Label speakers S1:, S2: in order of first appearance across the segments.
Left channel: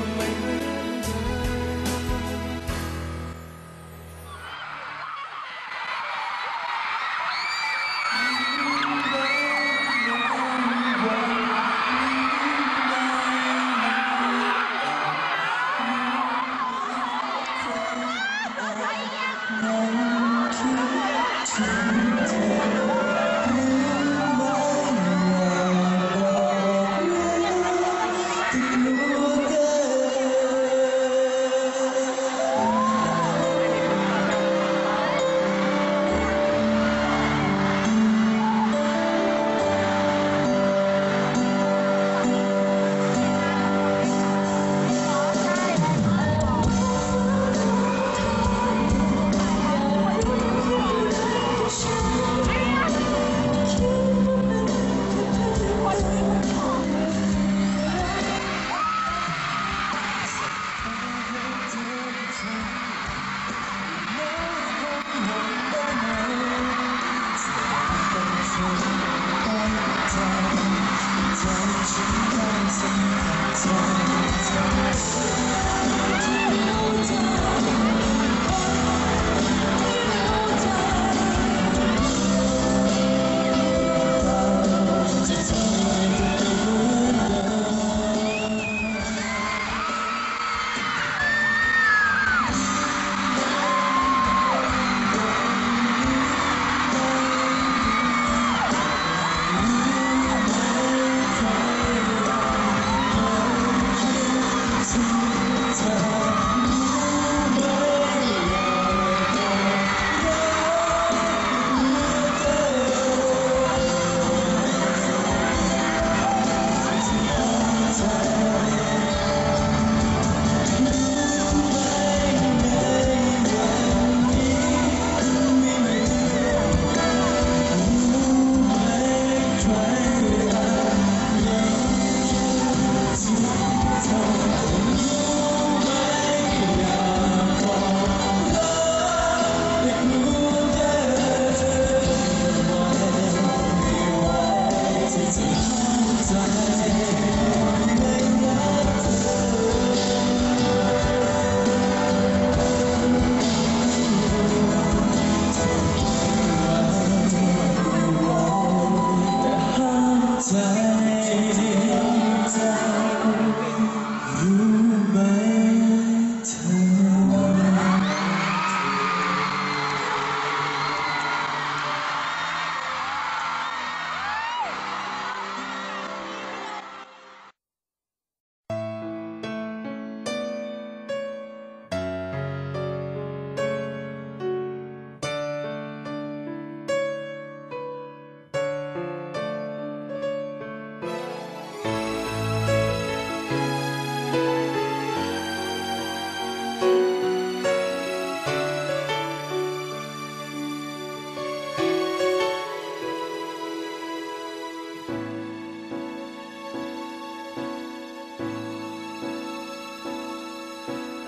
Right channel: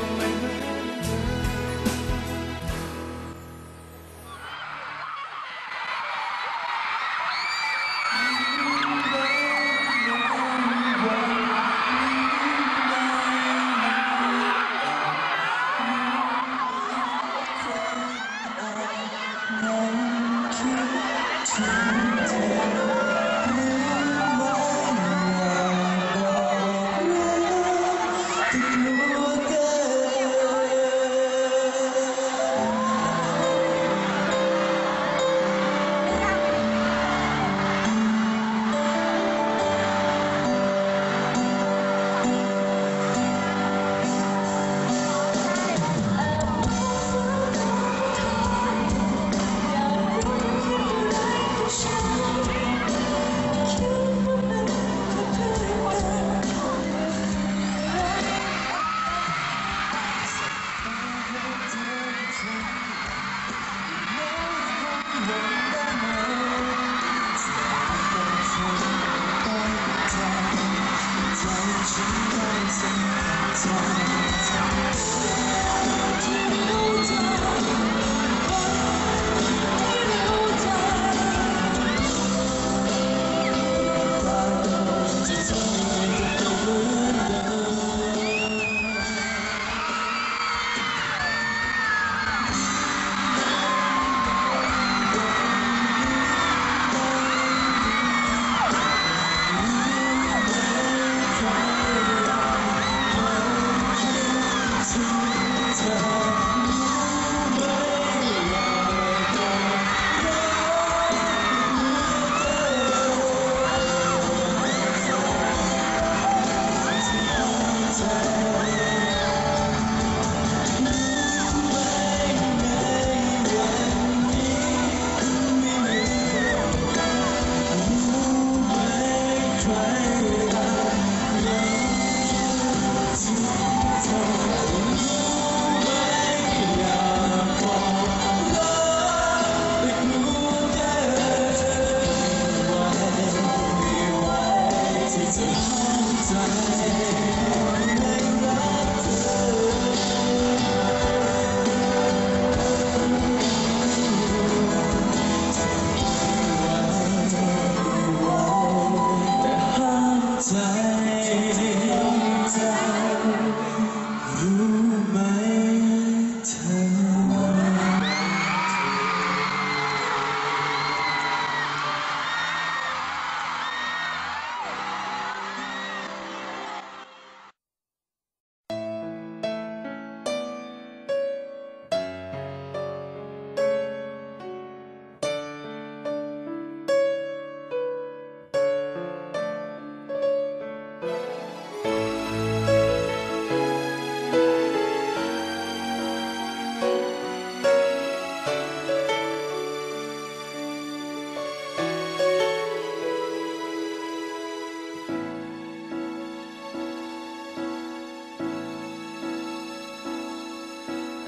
S1: ก็ไม่เหมือน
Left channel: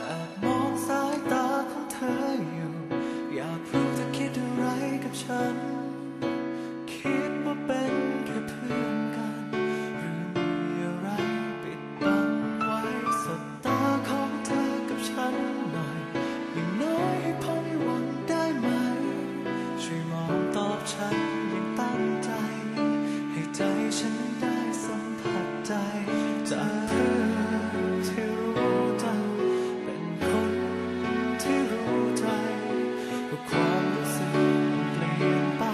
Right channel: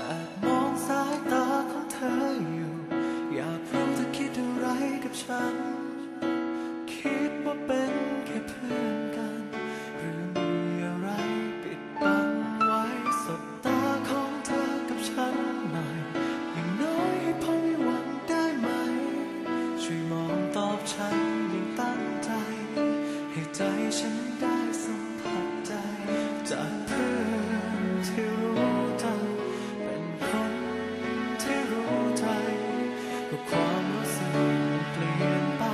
S1: แอบมองสายตาของเธออยู่ อยากรู้เธอคิดอะไรกับฉัน คิดว่าเป็นแค่เพื่อนกัน หรือมีอะไรปิดบังไว้สบตาของเธอกับฉันหน่อย อย่างน้อยให้พอมีหวังได้ไหม ช่วยมองตอบฉันอย่างตั้งใจ ให้ใจฉันได้สัมผัสใจ จากเพื่อนที่รู้จัก คนที่รู้ใจ ก็ความรู้สึกมันเปลี่ยนไป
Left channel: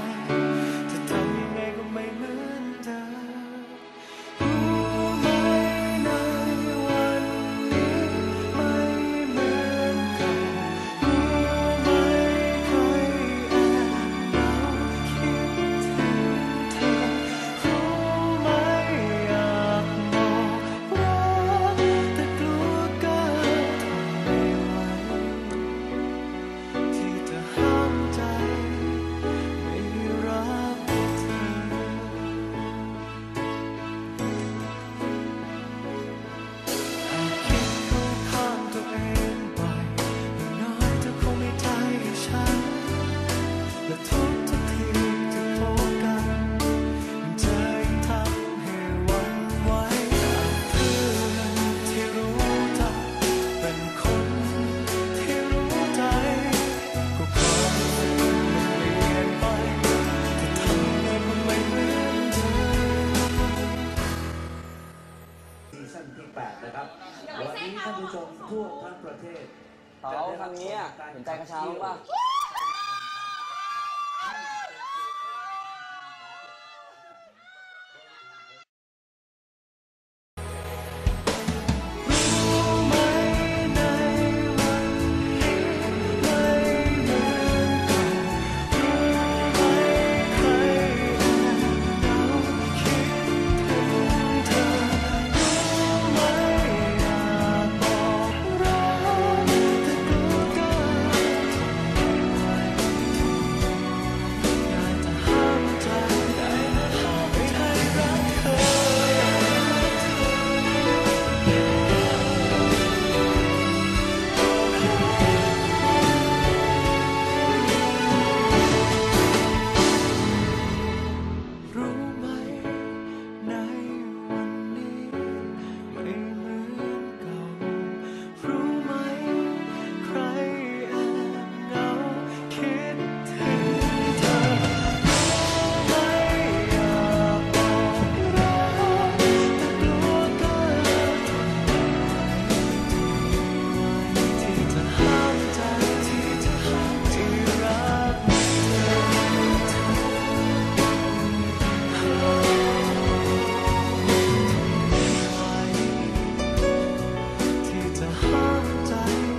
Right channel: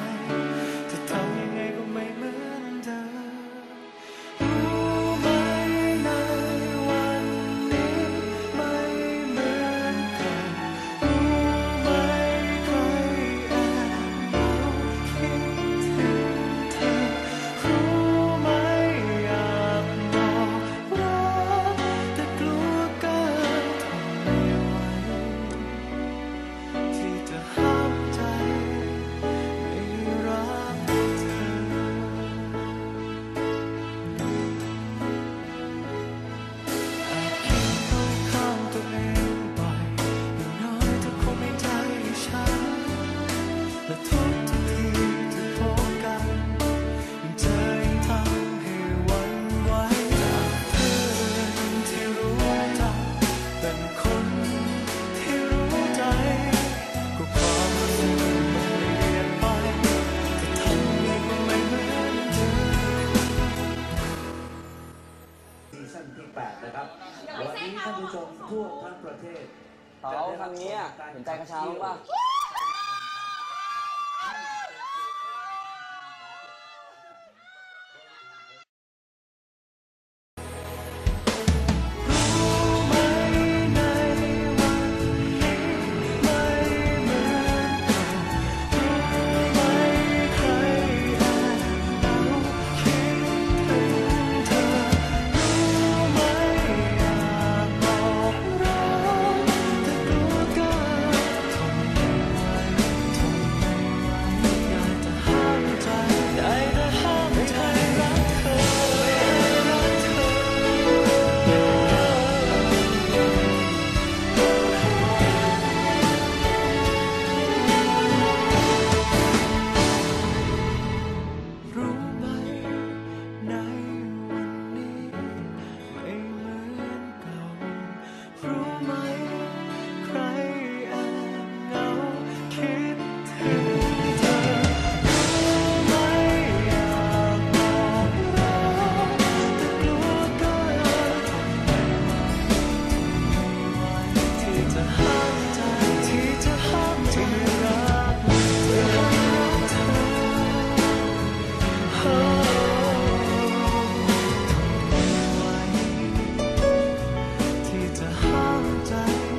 S1: จะทำยังไงก็ไม่เหมือนัวเองบ่อยอย่างน้อยเธอคงไม่ใจให้ฉัน และทุกทุกทีที่พบกันยิ่งเจอยิ่งทำให้วันไหวจากเพื่อนที่รู้จัก
S2: เป็นคนที่รู้
S3: ใจ ก็
S1: ความรู้สึกมันเปลี่ยนไป จะทำยังไงก็ไม่เหมือน ทั่วทั้งประเทศ เอาคำนี้สนใจกระเช้าบ้างปะำใจ